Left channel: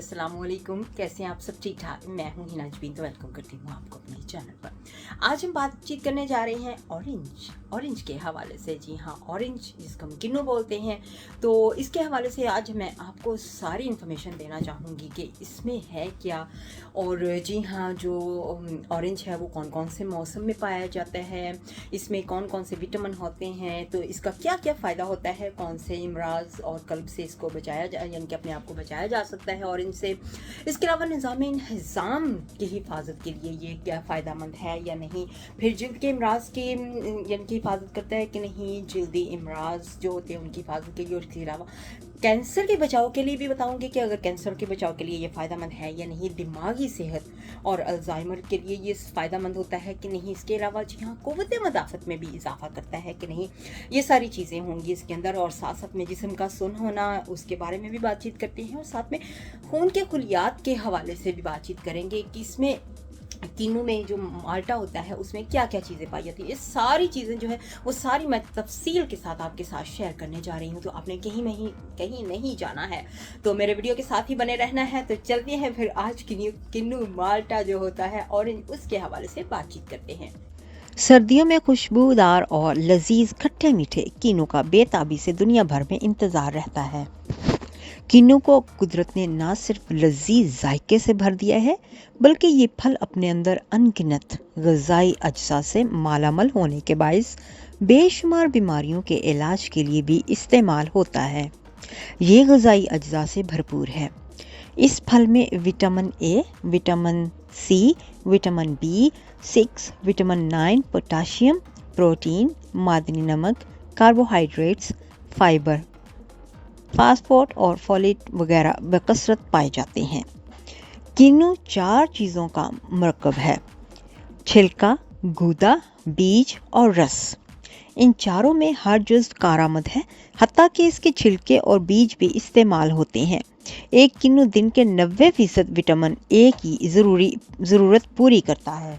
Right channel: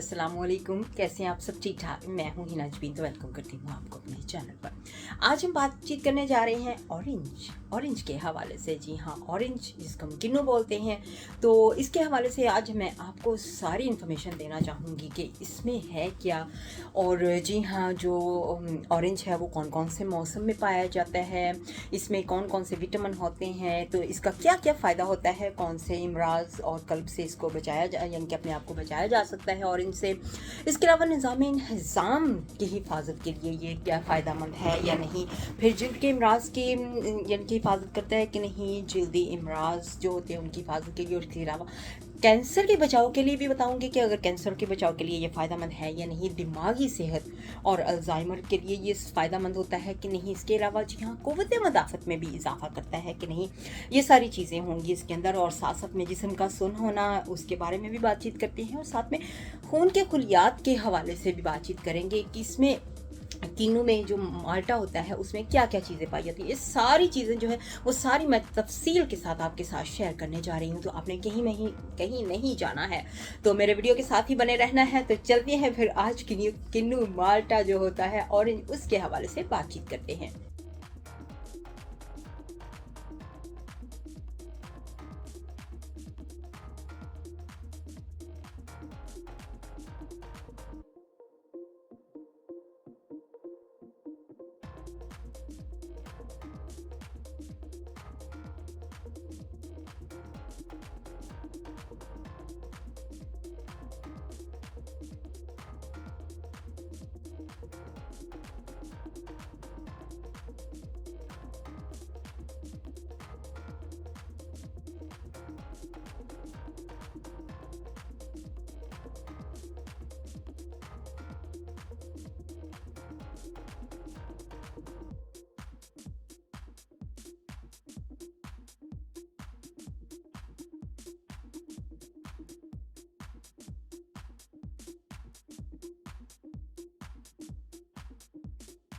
अस्सलाम वालेकुम। कैसे हैं आप सब? ठीक ठाक। मैं हूं हिना जबीन, तो वेलकम करती हूं आपको अपने चैनल पर। आज हम बातचीत करने जा रहे हैं ऑरेंज के हवाले से। जी हाँ, ऑरेंज जिसको हम किन्नू बोलते हैं, तो इसके हवाले से आज मैं आपको सारी इन्फॉर्मेशन देना चाहूँगी कि इसमें है क्या। और जी हाँ, जो ऑरेंज है वो कौन कौन से मौसम में पाया जाता है, इसमें कौन कौन से विटामिन होते हैं, तो इसका क्या क्या फ़ायदा होता है, कौन से इमराज और कल्ब से इसको बचाया यानी कि अपने आप को बचाया जा सकता है ऑरेंज से। इसके अलावा निज़ाम की हिफाजत के लिए ये क्या फ़ायदेमंद है या नहीं। फिर जिल्द के इमराज की यानी कि हिफाजत करता है कि नहीं, जल्दी इमराज जो होते हैं उनकी हिफाजत के लिए। और इसके अलावा कैंसर के बचाव के लिए भी बताऊंगी कि अगर कैंसर के बचाव के लिए ये फ़ायदेमंद है या नहीं। दिमागी सेहत और अल्जाइमर के लिए ये फ़ायदेमंद होता है कि नहीं। इसके अलावा जी हाँ, क़ुव्वत मदाफ़त में भी इजाफा करता है कि नहीं। ये सारी चीज़ें होंगी इसके अंदर। और साथ साथ में जिस्म का सुन होना, उसके बारे में भी बातचीत करते हैं। और साथ में खून के खुलियात के हवाले से भी बातचीत करेंगे कि इसमें किन्नू में जो माल्टा होता है उसमें क्या क्या चीज़ें पाई जाती है। ये सारी चीज़ें जो है वो सारी मैं तफसील के साथ आपके साथ शेयर करने जा रही हूँ, तो आपने कहीं नहीं जाना है, तो मेरे वीडियो के साथ ही बने रहना है। तो चलते हैं फिर आज किन्नू माल्टा जो होता है ऑरेंज, उसके हवाले से बातचीत करते हैं। सर्दियों में खुशबूदार और लजीज खट्टे मीठे किन्नू का बेताबी से दुनिया भर में इंतज़ार रहता है। किन्नू को कुदरत ने न सिर्फ लजीज जायके से भर दिया है, बल्कि ये फल अपने अंदर अनगिनत ग़िज़ाई अज्जा से मालामाल होने के बायस बेशुमार बीमारियों के इलाज के लिए भी इस्तेमाल होता है। ये ग़िज़ाई अज्जा से भरपूर है। इस फल में vitamin A, vitamin C, vitamin B6, vitamin 9, potassium, protein, मादनी नमक, कार्बोहाइड्रेट्स, फाइबर, फास्फोरेट और फोलेट वगैरह बकसरत पाए जाते हैं। किन्नू 4 चीज़ों का मरकब है: छिलका, गूदा, बीज और रस। इन चारों में हर जुज़ कारामद है, हत्ता कि इसके छिलके और बीज भी इस्तेमाल होते हैं। एक किन्नू दिन के 90% विटामिन ए की ज़रूरत पूरी करता है।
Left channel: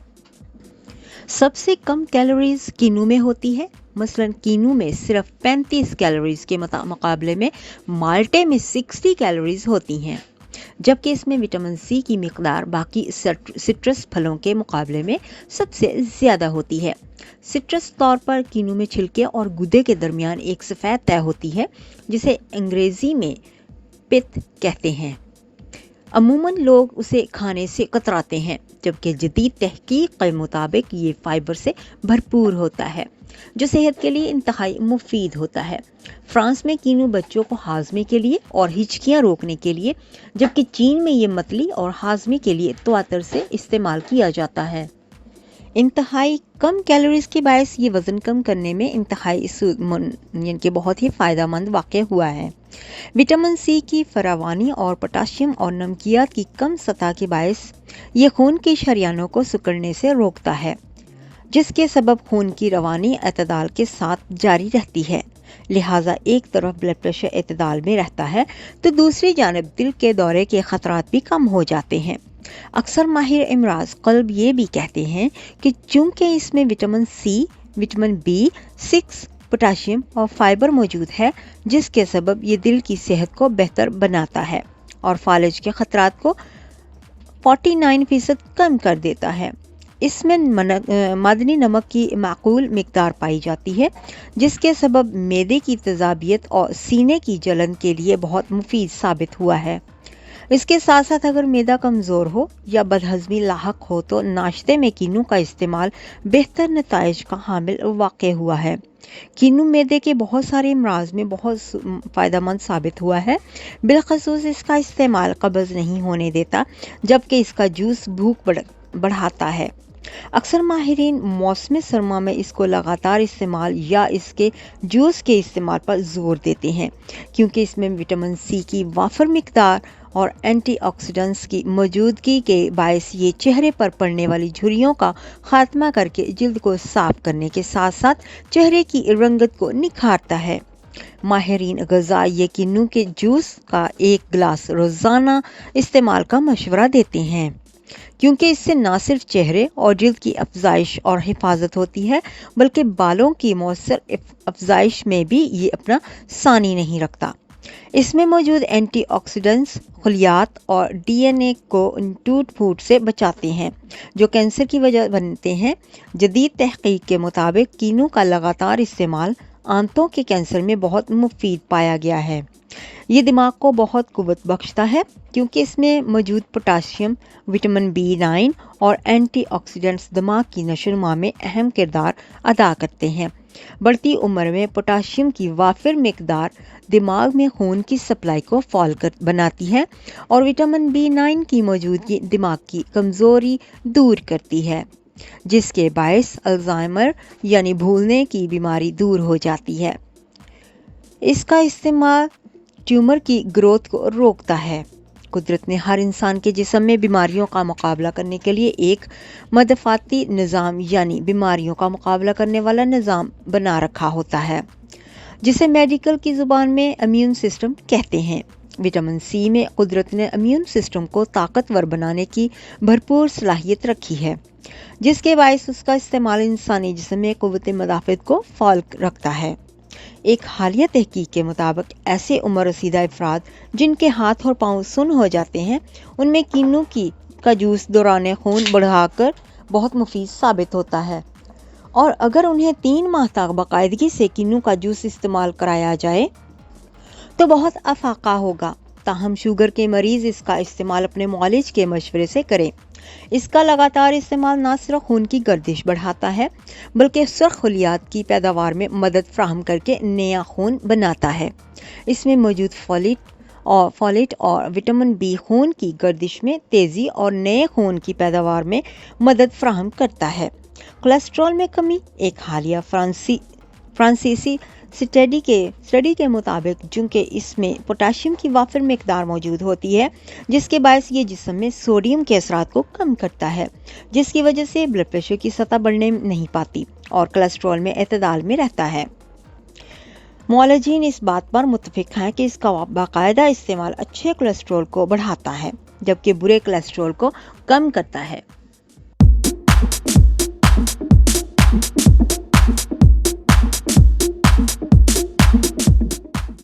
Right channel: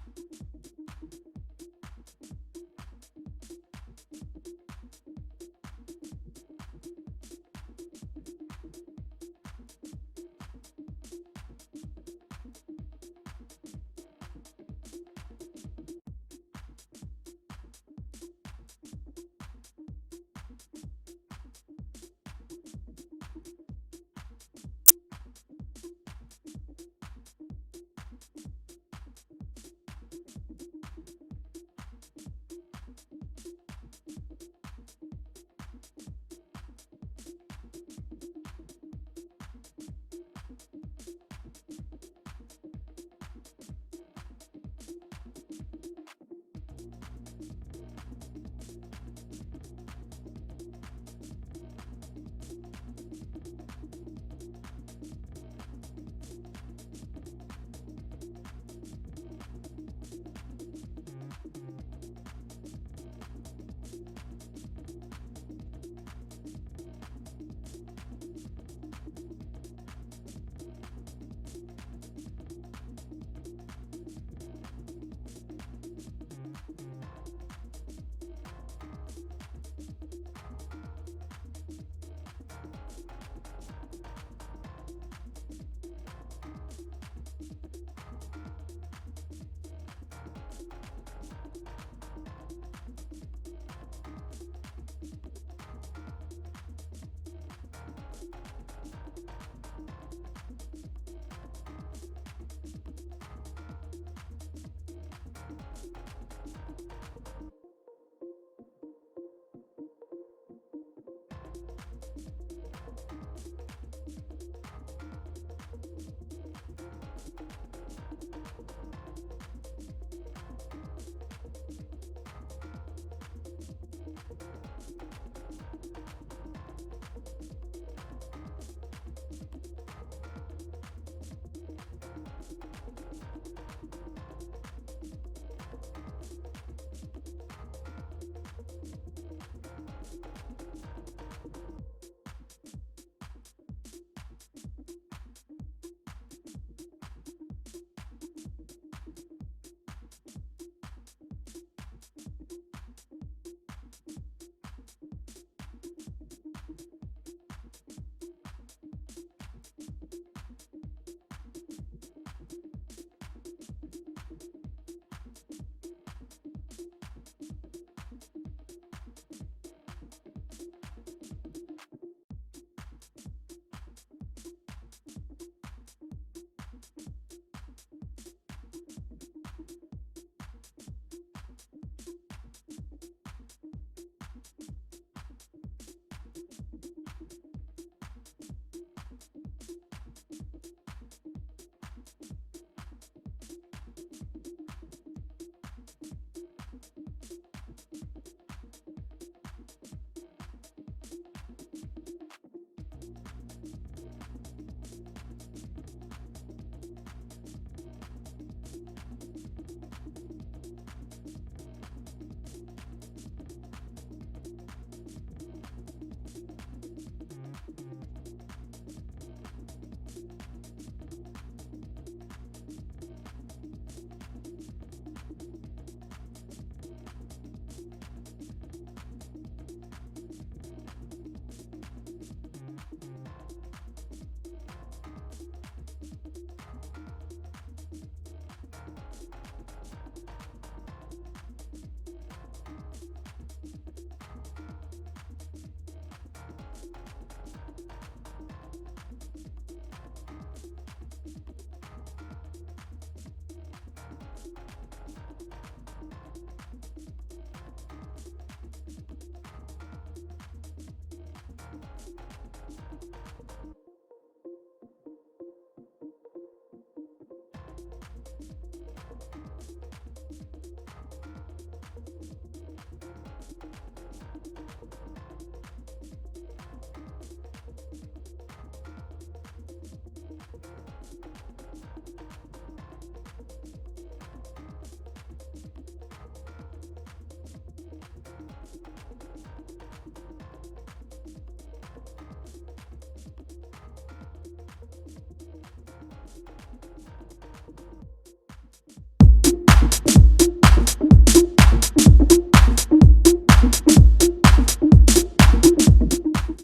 सबसे कम कैलोरीज किन्नू में होती है। मसलन किन्नू में सिर्फ 35 कैलोरीज के मुकाबले में माल्टे में 60 कैलोरीज होती हैं, जबकि इसमें विटामिन सी की मिकदार बाकी सिट्रस फलों के मुकाबले में सबसे ज़्यादा होती है। सिट्रस तौर पर किन्नू में छिलके और गुदे के दरमियान एक सफ़ेद तह होती है, जिसे अंग्रेज़ी में पित कहते हैं। अमूमन लोग उसे खाने से कतराते हैं, जबकि जदीद तहकीक के मुताबिक ये फाइबर से भरपूर होता है, जो सेहत के लिए इंतहाई मुफीद होता है। फ्रांस में किन्नू बच्चों को हाजमे के लिए और हिचकियाँ रोकने के लिए, जबकि चीन में ये मतली और हाजमे के लिए तवातर से इस्तेमाल किया जाता है। इंतहाई कम कैलोरीज के बायस ये वज़न कम करने में इंतहाई यानी कि बहुत ही फ़ायदेमंद वाक़ हुआ है। विटामिन सी की फरावानी और पोटाशियम और नमकियात की कम सतह के बायस ये खून की शरियानों को सिकुड़ने से रोकता है, जिसके सबब खून की रवानी एतदाल के साथ जारी रहती है। लिहाजा एक तरफ ब्लड प्रेशर एतदाल में रहता है, तो दूसरी जानब दिल के दौरे के ख़तरात भी कम हो जाते हैं। अक्सर माहिर इमराज कल्ब ये भी कहते हैं कि चूँकि इसमें vitamin C, vitamin B6, potassium और फाइबर मौजूद है, जिसके सबब ये दिल की सेहत को बेहतर बनाता है और फालिज के ख़तरात को 49% कम कर देता है। इसमें मादनी नमक की माकूल मिकदार पाई जाती है, जिसके सबब मैदे की तेज़ाबियत और सीने की जलन के लिए बहुत मुफीद साबित हुआ है। इसके साथ साथ अगर मैदा कमज़ोर हो या बदहज़मी लाहक हो, तो नाश्ते में किन्नू का इस्तेमाल बेहतर नताइज का हामिल वाक़ हुआ है। किन्नू मैदे के बहुत सारे अमराज में बहुत फ़ायदेमंद साबित हुआ है। बिलखसूस इसका इस्तेमाल कब्ज़ नहीं होने देता, जबकि इसका जूस भूख बढ़ाता है। अक्सर माहिरीन मौसम सरमा में इसको लगातार इस्तेमाल या इसके जूस के इस्तेमाल पर जोर देते हैं, क्योंकि इसमें विटामिन सी की वाफर मिकदार और एंटीऑक्सीडेंट्स की मौजूदगी के बायस ये चेहरे पर पड़ने वाली झुर्रियों का खात्मा करके जिल्द को साफ करने के साथ साथ चेहरे की रंगत को निखारता है। माहिरीन ग़िज़ा ये किन्नू के जूस का 1 गिलास रोज़ाना इस्तेमाल का मशवरा देते हैं, क्योंकि इससे न सिर्फ चेहरे और जिल्द की अफजाइश और हिफाजत होती है, बल्कि बालों की मौसर अफजाइश में भी ये अपना सानी नहीं रखता। اس میں موجود اینٹی آکسیڈنٹس خلیات اور ڈی این اے کو ٹوٹ پھوٹ سے بچاتے ہیں جو کینسر کی وجہ بنتے ہیں۔ جدید تحقیق کے مطابق کینو کا لگاتار استعمال آنتوں کے کینسر میں بہت مفید پایا گیا ہے۔ یہ دماغ کو بہت قوت بخشتا ہے کیونکہ اس میں موجود پوٹاشیم، وٹامن B9 اور اینٹی آکسیڈنٹس دماغ کی نشو و نما میں اہم کردار ادا کرتے ہیں۔ بڑھتی عمر میں پوٹاشیم کی وافر مقدار دماغ میں خون کی سپلائی کو فعال بناتی ہے اور وٹامن B9 کی موجودگی دماغ کی کمزوری دور کرتی ہے، جس کے باعث الزائمر یعنی بھولنے کی بیماری دور ہو جاتی ہے۔ اس کا استعمال ٹیومر کی گروتھ کو روکتا ہے۔ قدرت نے ہر انسان کے جسم میں بیماریوں کا مقابلہ کرنے کے لیے ایک مدافعتی نظام یعنی بیماریوں کا مقابلہ کرنے والا نظام بنا رکھا ہوتا ہے، جسے میڈیکل کی زبان میں امیون سسٹم کہتے ہیں۔ وٹامن سی میں قدرت نے امیون سسٹم کو طاقتور بنانے کی بھرپور صلاحیت رکھی ہے، جس کے باعث اس کا استعمال انسانی جسم میں قوت مدافعت کو فعال رکھتا ہے۔ ایک حالیہ تحقیق کے مطابق ایسے عمر رسیدہ افراد جن کے ہاتھ اور پاؤں سن ہو جاتے ہیں، ان میں کینو کا جوس دوران خون بڑھا کر بہت مفید ثابت ہوتا ہے، اور اگر انہیں 3 ماہ تک باقاعدگی سے کینو کا جوس استعمال کرایا جائے تو بہت افاقہ ہوگا۔ تاہم شوگر کے مریض اس کا استعمال اپنے معالج کے مشورے سے کریں۔ اس کا لگاتار استعمال نہ صرف خون کی گردش بڑھاتا ہے بلکہ سرخ خلیات کی پیداوار میں مدد فراہم کر کے نیا خون بناتا ہے۔ اس میں موجود فولیٹ اور وٹامن B خون کی گردش میں تیزی اور نئے خون کی پیداوار میں مدد فراہم کرتا ہے۔ کولیسٹرول میں کمی۔ ایک حالیہ فرانسیسی اسٹڈی کے مطابق چونکہ اس میں پوٹاشیم کی وافر مقدار موجود ہوتی ہے، جس کے باعث یہ جسم میں سوڈیم کے اثرات کو کم کرتا ہے، جس کی وجہ سے بلڈ پریشر کی سطح بڑھنے نہیں پاتی اور کولیسٹرول میں اعتدال میں رہتا ہے۔ معالجین اس بات پر متفق ہیں کہ اس کا باقاعدہ استعمال اچھے کولیسٹرول کو بڑھاتا ہے جبکہ برے کولیسٹرول کو کم کرتا ہے۔